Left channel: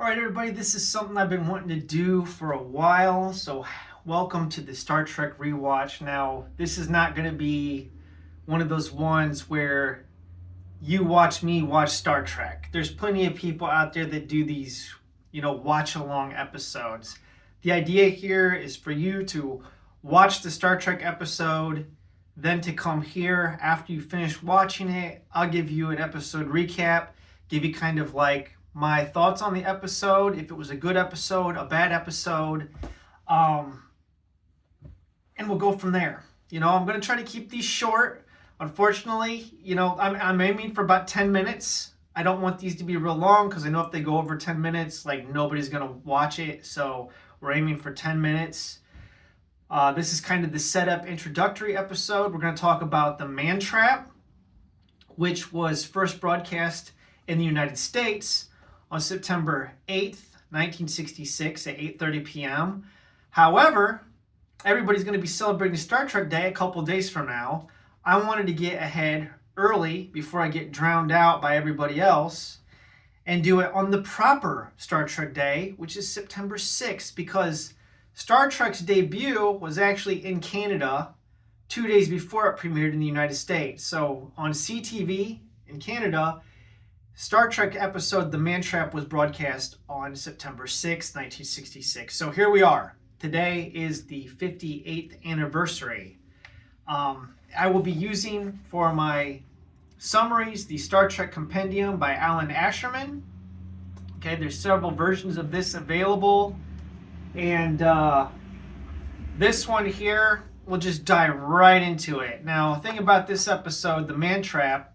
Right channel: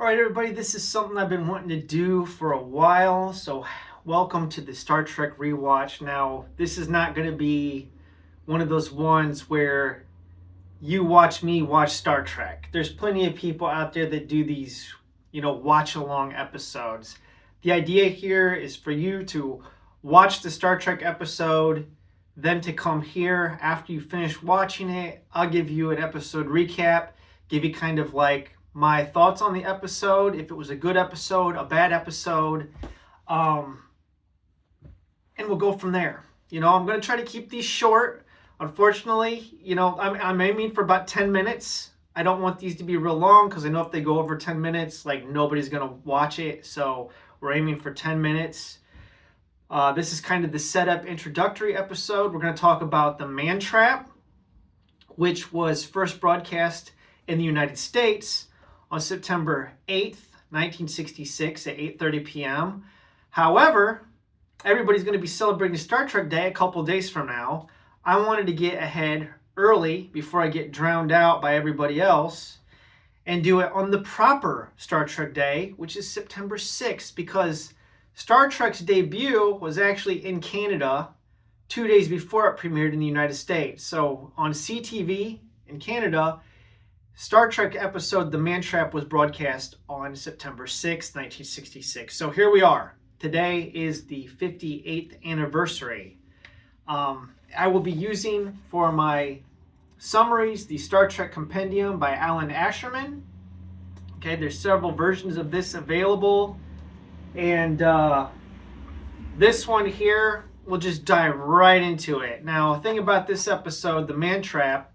All right, everybody, this is something I've been wanting to do for a while. So, welcome to the Star Trek Rewatch. Now, this is not going to be one of those ones where you watch me watch Star Trek. There's plenty of people out there that do these, watch along episodes. The idea here is for you to watch the Star Trek episode, then to come here after you finish watching it. I'll give you an episode recap, give you kind of like my thoughts on the episode, if it was a good episode, a bad episode, and we'll go from there. I'm going to try to keep these short. Unfortunately, I'm aiming for about 10 minutes. I don't want these to be real long because I know if they go over 10 minutes, like nobody's going to watch it. So we're aiming for 10 minutes. This is kind of the setup introductory episode. We're going to talk about the Man Trap, which was first broadcast in the United States on September 8th, 1966 at 8:30 p.m. However, everybody's going to be celebrating Star Trek Day a couple days from now. I wanted to get ahead early before I get drowned out by everybody else and do it on the proper Star Trek Day, which is September 6th, because Star Trek's debut was actually in Canada 2 days before it premiered in the United States. So on CTV in Canada, Star Trek episode The Man Trap was broadcast on September 6, 1966. So here we are. Today is the 58th anniversary. I will be using for my summaries the Star Trek Compendium by Alan Asherman. Okay, there's several versions of this available. And this one here, we'll just dive right into it. Now, the thing about this episode, The Man Trap,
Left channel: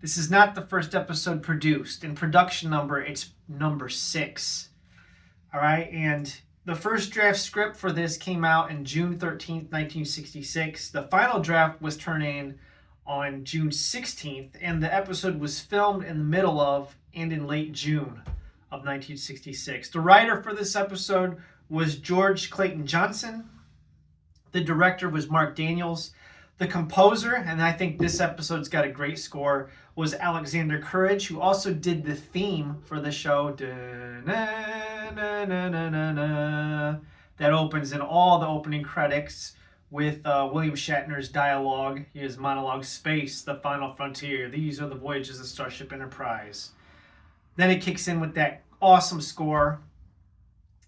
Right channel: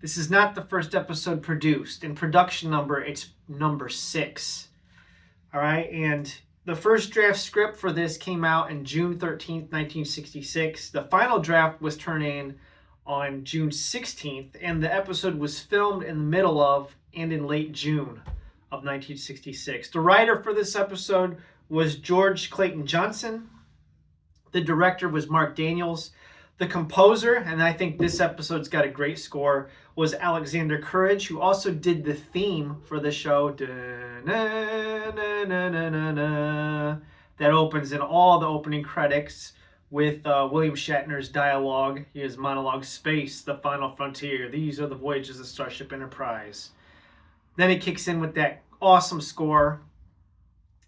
this is not the first episode produced. In production number, it's number 6. All right, and the first draft script for this came out in June 13th, 1966. The final draft was turned in on June 16th, and the episode was filmed in the middle of and in late June of 1966. The writer for this episode was George Clayton Johnson. The director was Mark Daniels. The composer, and I think this episode's got a great score, was Alexander Courage, who also did the theme for the show. That opens in all the opening credits with William Shatner's dialogue, his monologue, "Space, the final frontier. These are the voyages of Starship Enterprise." Then it kicks in with that awesome score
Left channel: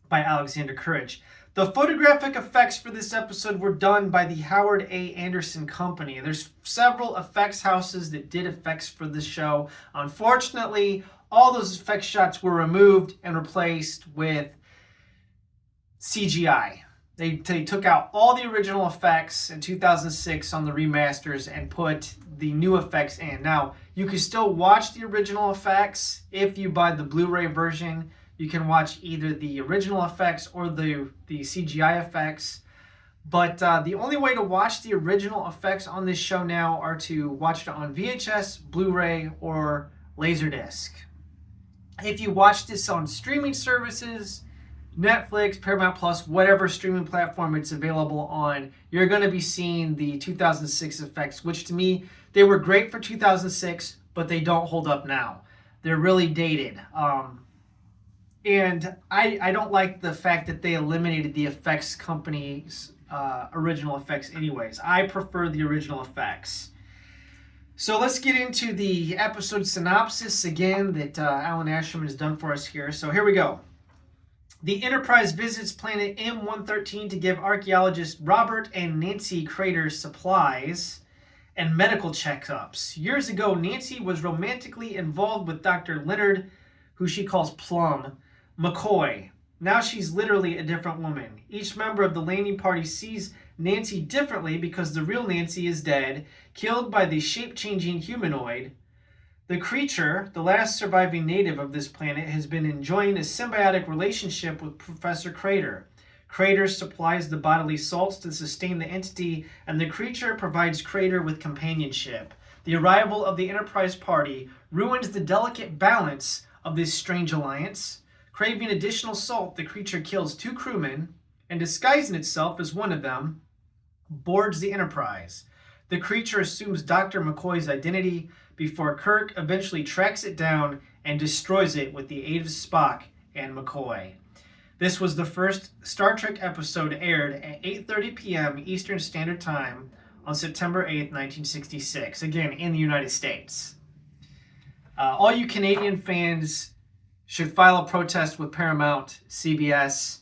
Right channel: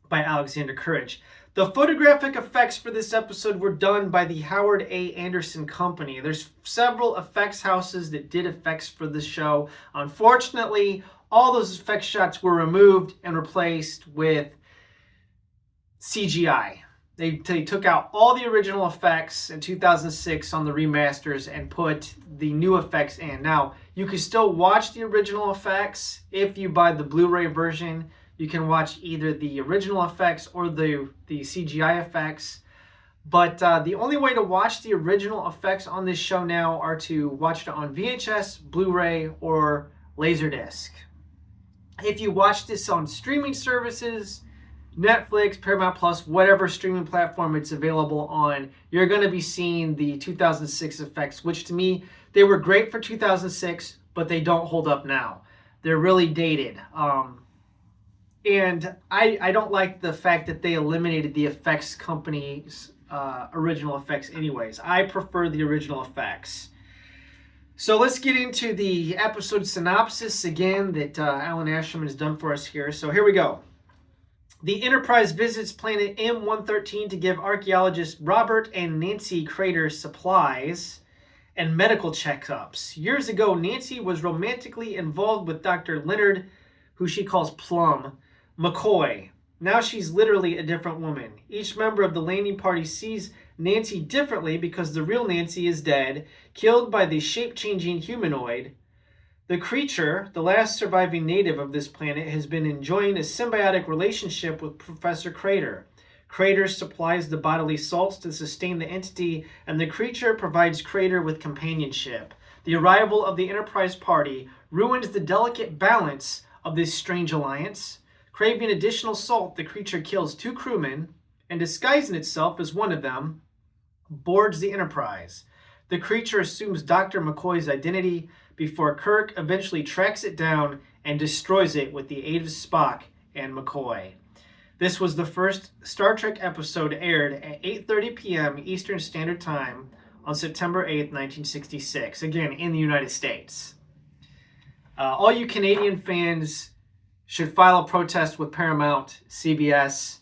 by Alexander Courage. The photographic effects for this episode were done by the Howard A. Anderson Company. There's several effects houses that did effects for this show. Unfortunately, all those effects shots were removed and replaced with CGI. They took out all the original effects in 2006 on the remasters and put the new effects in. Now, you can still watch the original effects if you buy the Blu-ray version. You can watch either the original effects or the CGI effects. But the only way to watch the original effects on this show now are to watch it on VHS, Blu-ray, or Laserdisc. If you watch this on streaming services, Netflix, Paramount Plus, whatever streaming platform it's available on, you're going to be seeing the 2006 effects, which to me, they were great for 2006, but they don't hold up now. They're really dated. And I don't like the fact that they eliminated the effects company's original effects anyways. I prefer the original effects. So let's get into the episode synopsis again that Alan Asherman has done for us here. So here we go. The Enterprise visits planet M113 to give archaeologists Robert and Nancy Crater supplies and medical checkups. Years ago, Nancy was romantically involved with Dr. Leonard, who she calls Plum, McCoy. Now she's literally a different woman. Each member of the landing party sees Nancy differently because the real Nancy is dead, killed by the shape-changing humanoid. The creature, the last surviving native of this planet, has been enjoying a symbiotic relationship with Professor Crater. Crater supplies the bodily salts to sustain the entity, and the creature provides Crater with companionship. The arrival of the Enterprise party ruins the delicate balance of this strange alliance. Craving additional salt, the creature kills 2 crewmen and, disguising itself as one of them, boards the Enterprise. The creature assumes Dr. McCoy's identity before Kirk eventually tracks it down and destroys it with the aid of Spock and McCoy. This was the first Star Trek episode aired at 8:30 p.m. Eastern Standard Time on September 8th, 1966, again in the United States. All you Canadian fans should file a protest with Paramount, CBS,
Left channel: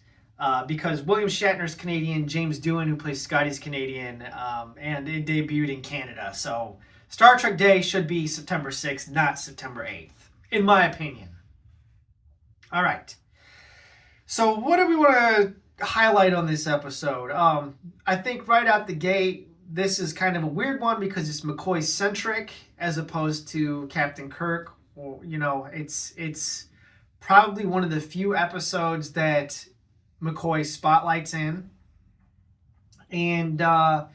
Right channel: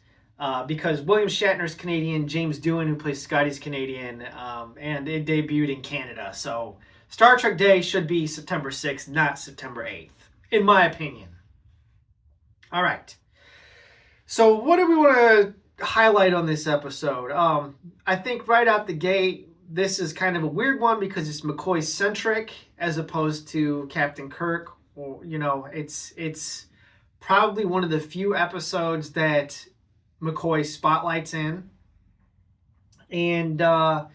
because William Shatner's Canadian, James Doohan, who plays Scotty's Canadian, and it debuted in Canada. So Star Trek Day should be September 6th, not September 8th, in my opinion. All right. So what do we want to highlight on this episode? I think right out the gate, this is kind of a weird one because it's McCoy-centric as opposed to Captain Kirk. Or, it's probably one of the few episodes that McCoy spotlights in. And I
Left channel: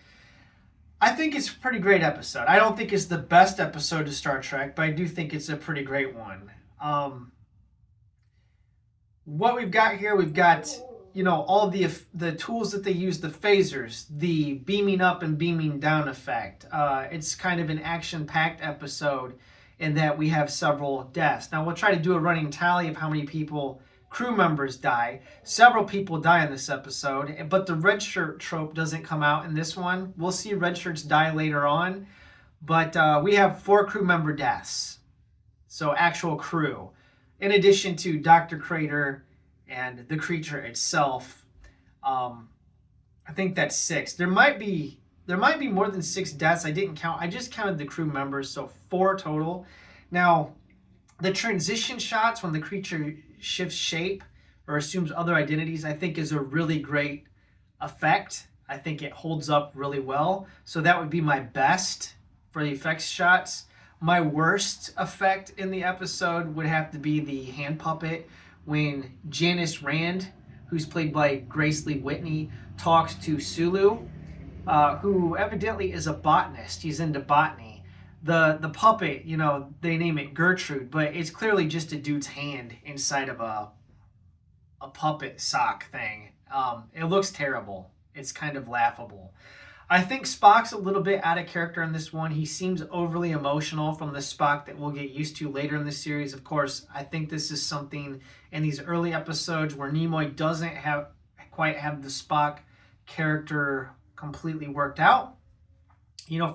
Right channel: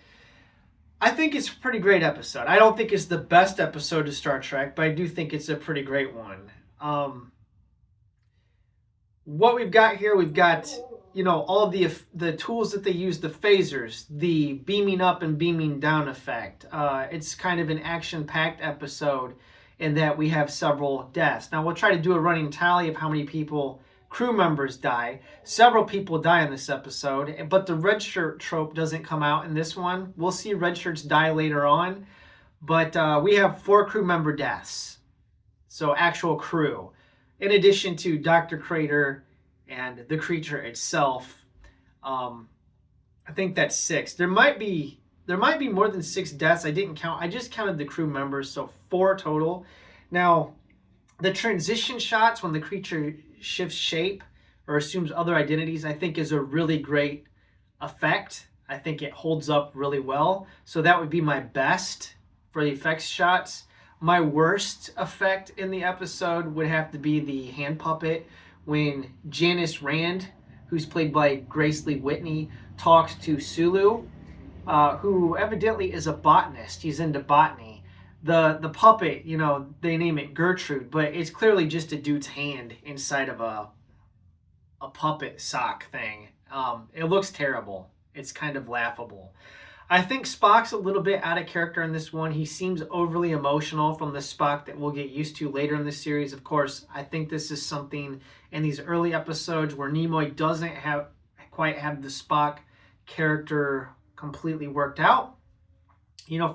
think it's a pretty great episode. I don't think it's the best episode of Star Trek, but I do think it's a pretty great one. What we've got here, we've got, all the tools that they use, the phasers, the beaming up and beaming down effect. It's kind of an action-packed episode in that we have several deaths. Now, we'll try to do a running tally of how many crew members die. Several people die in this episode, but the red shirt trope doesn't come out in this one. We'll see red shirts die later on, but we have 4 crew member deaths. So actual crew. In addition to Dr. Crater and the creature itself. I think that's 6. There might be more than 6 deaths. I didn't count. I just counted the crew members, so 4 total. Now, the transition shots when the creature shifts shape or assumes other identities, I think is a really great effect. I think it holds up really well. So that would be my best for the effects shots. My worst effect in the episode would have to be the hand puppet when Janice Rand, who's played by Grace Lee Whitney, talks to Sulu, who evidently is a botanist. He's into botany. The puppet, they name it Gertrude, but it's clearly just a dude's hand inside of a puppet sock thing. It looks terrible. It's kind of laughable. I think Spock's a little bit out of character in this one. He seems overly emotional from the Spock that we'll get used to later in the series. Of course, I think this is something in these early episodes where Nimoy doesn't quite have the Spock character completely worked out.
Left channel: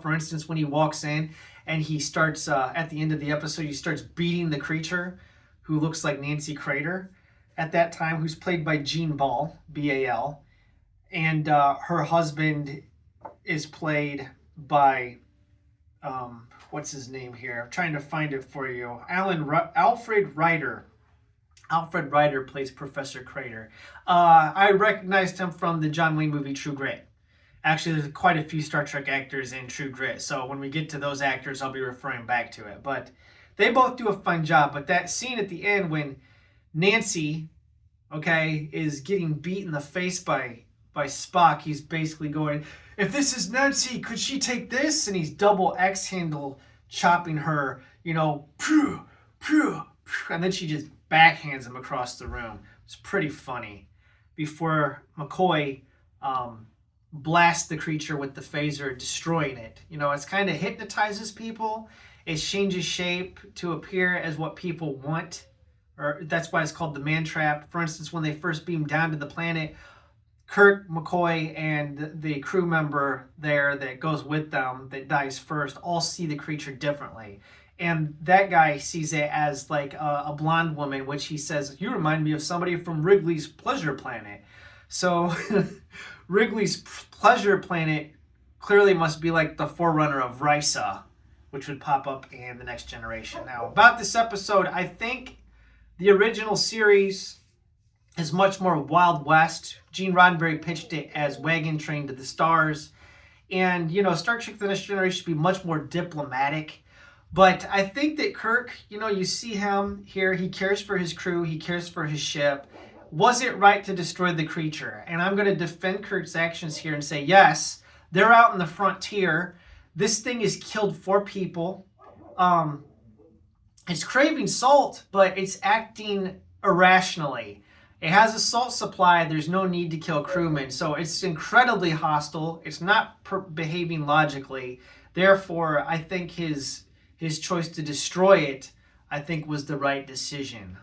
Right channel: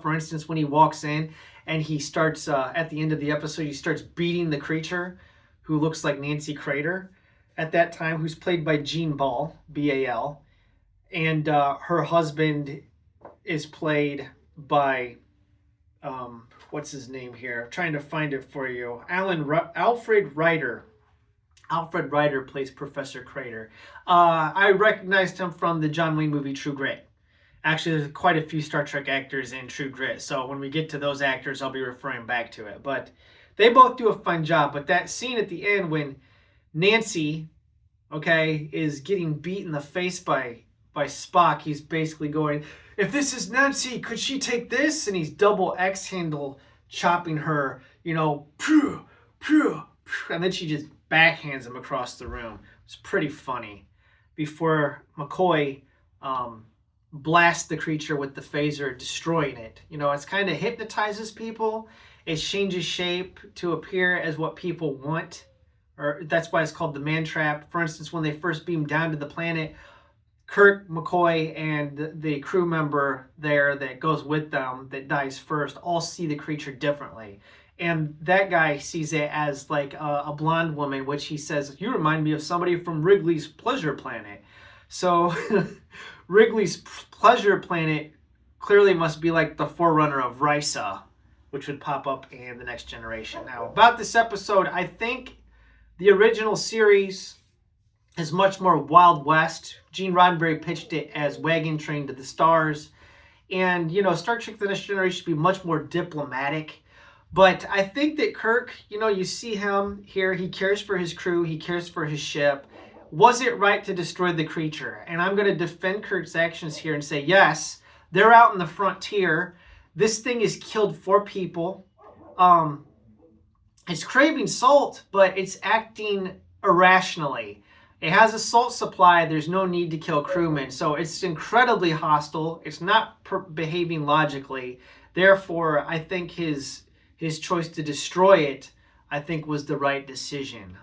For instance, when he walks in and he starts, at the end of the episode, he starts beating the creature who looks like Nancy Crater at that time, who's played by Jean Ball, B-A-L. And her husband is played by, what's his name here? I'm trying to find it for you. Alfred Ryder. Alfred Ryder plays Professor Crater. I recognized him from the John Wayne movie True Grit. Actually, there's quite a few Star Trek actors in True Grit, so when we get to those actors, I'll be referring back to it. But they both do a fun job. But that scene at the end when Nancy, is getting beat in the face by Spock, he's basically going, if this is Nancy, could she take this? And he's double X handle chopping her, and then she just backhands him across the room. It's pretty funny. Before McCoy blasts the creature with the phaser, destroying it. It's kind of hypnotizes people. It changes shape to appear as what people want, or that's why it's called the man trap. For instance, when they first beam down to the planet, Kirk, McCoy, and the crew member there that goes with them that dies first all see the creature differently. And that guy sees it as like a blonde woman, which he says, you remind me of somebody from Wrigley's Pleasure Planet. So Wrigley's Pleasure Planet clearly must be like the forerunner of Risa, which would pop up in The Next Generation. Now, about this episode, I think the original series is much more Wild West. Gene Roddenberry pitched it as Wagon Train to the Stars. And, Star Trek The Next Generation should be much more diplomatic. But I think that Kirk, you see him here. He cares for his crew. He cares for his ship. Was it right to destroy the creature? And I'm going to defend Kirk's actions here and say, yes, they're out in the frontier. This thing has killed 4 people. It's craving salt, but it's acting irrationally. It has a salt supply. There's no need to kill crewmen. So it's incredibly hostile. It's not behaving logically. Therefore, I think his choice to destroy it, I think, was the right decision.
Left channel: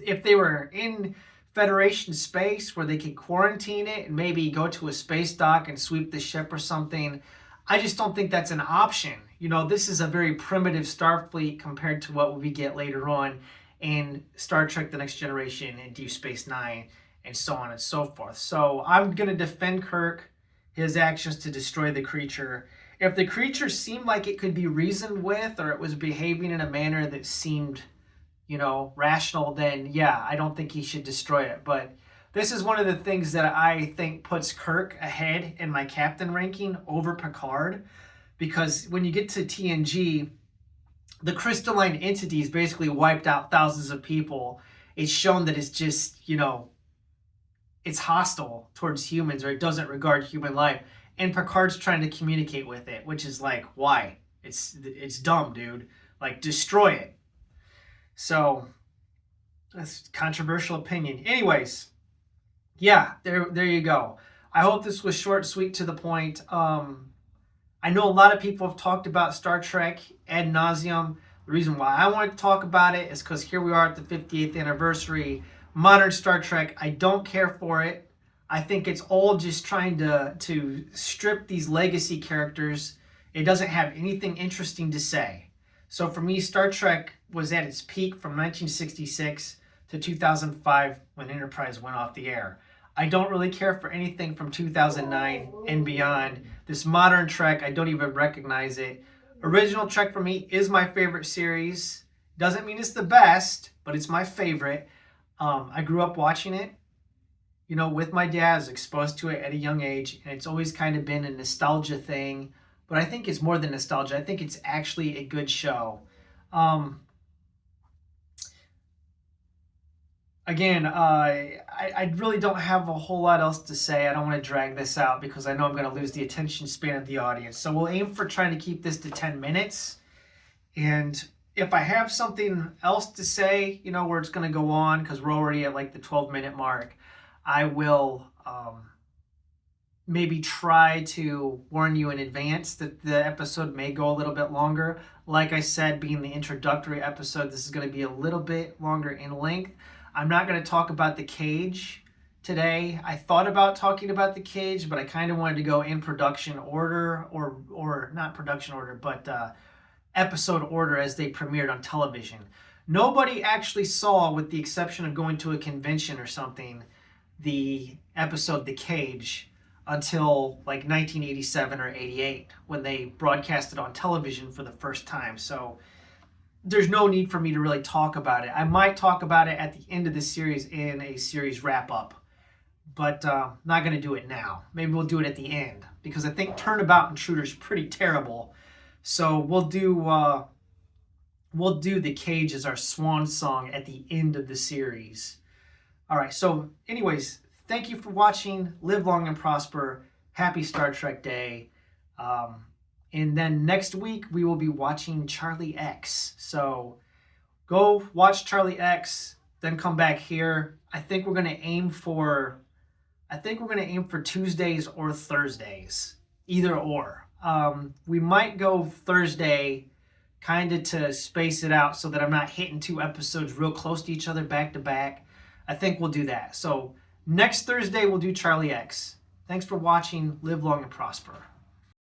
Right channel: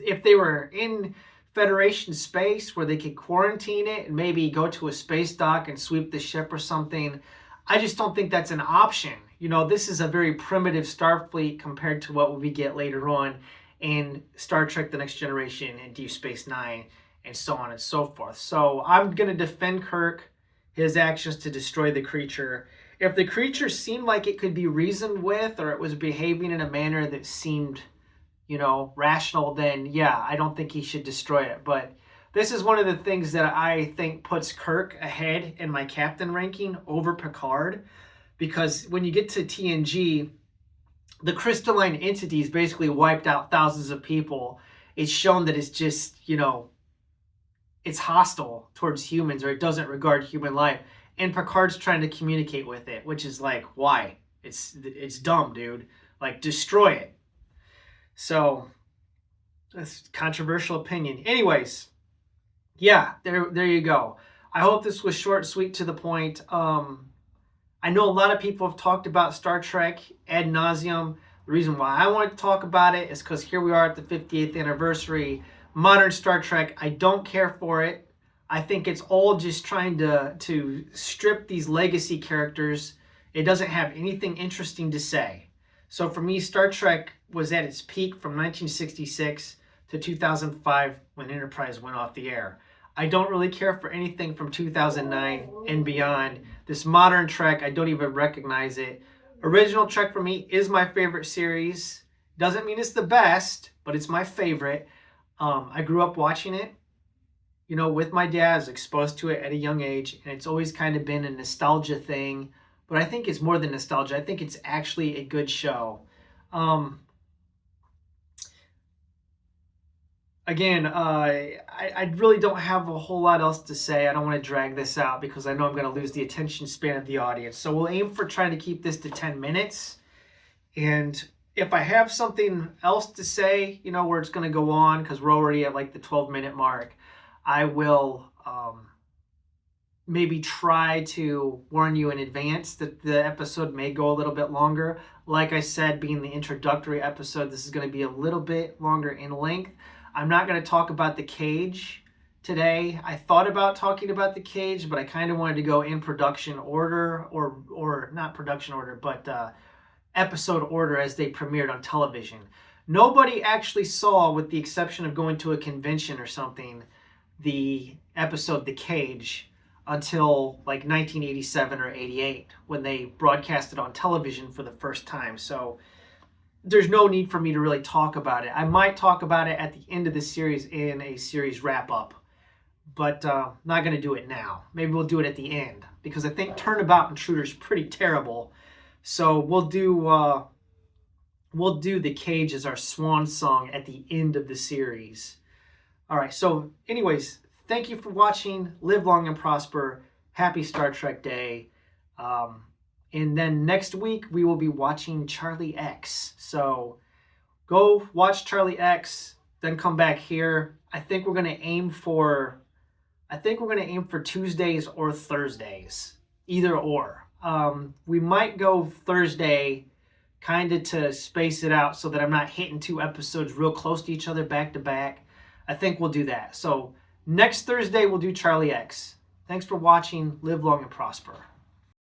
if they were in Federation space where they could quarantine it and maybe go to a space dock and sweep the ship or something, I just don't think that's an option. You know, this is a very primitive Starfleet compared to what we get later on in Star Trek The Next Generation and Deep Space Nine and so on and so forth. So I'm going to defend Kirk, his actions to destroy the creature. If the creature seemed like it could be reasoned with or it was behaving in a manner that seemed, you know, rational, then yeah, I don't think he should destroy it. But this is one of the things that I think puts Kirk ahead in my captain ranking over Picard, because when you get to TNG, the crystalline entities basically wiped out thousands of people. It's shown that it's just, you know, it's hostile towards humans, or it doesn't regard human life. And Picard's trying to communicate with it, which is like, why? It's dumb, dude. Like, destroy it. So that's controversial opinion. Anyways, yeah, there you go. I hope this was short, sweet, to the point. I know a lot of people have talked about Star Trek ad nauseum. The reason why I wanted to talk about it is because here we are at the 50th anniversary. Modern Star Trek, I don't care for it. I think it's all just trying to strip these legacy characters. It doesn't have anything interesting to say. So for me, Star Trek was at its peak from 1966 to 2005 when Enterprise went off the air. I don't really care for anything from 2009 and beyond. This modern Trek, I don't even recognize it. Original Trek for me is my favorite series. Doesn't mean it's the best, but it's my favorite. I grew up watching it, you know, with my dad. I was exposed to it at a young age, and it's always kind of been a nostalgia thing. But I think it's more than nostalgia. I think it's actually a good show. Again, I really don't have a whole lot else to say. I don't want to drag this out because I know I'm going to lose the attention span of the audience. So we'll aim for trying to keep this to 10 minutes. And if I have something else to say, you know, where it's going to go on, because we're already at like the 12-minute mark, I will maybe try to warn you in advance that the episode may go a little bit longer. Like I said, being the introductory episode, this is going to be a little bit longer in length. I'm not going to talk about the cage today. I thought about talking about the cage, but I kind of wanted to go in production order, or not production order, but episode order as they premiered on television. Nobody actually saw, with the exception of going to a convention or something, the episode The Cage until like 1987 or 88 when they broadcast it on television for the first time. So there's no need for me to really talk about it. I might talk about it at the end of the series in a series wrap-up, but not going to do it now. Maybe we'll do it at the end, because I think Turnabout Intruder is pretty terrible. So we'll do The Cage as our swan song at the end of the series. All right, so anyways, thank you for watching. Live long and prosper. Happy Star Trek Day. And then next week, we will be watching Charlie X. So go watch Charlie X, then come back here. I think we're going to aim for Tuesdays or Thursdays, either or. We might go Thursday kind of to space it out so that I'm not hitting two episodes real close to each other back to back. I think we'll do that. So next Thursday, we'll do Charlie X. Thanks for watching. Live long and prosper.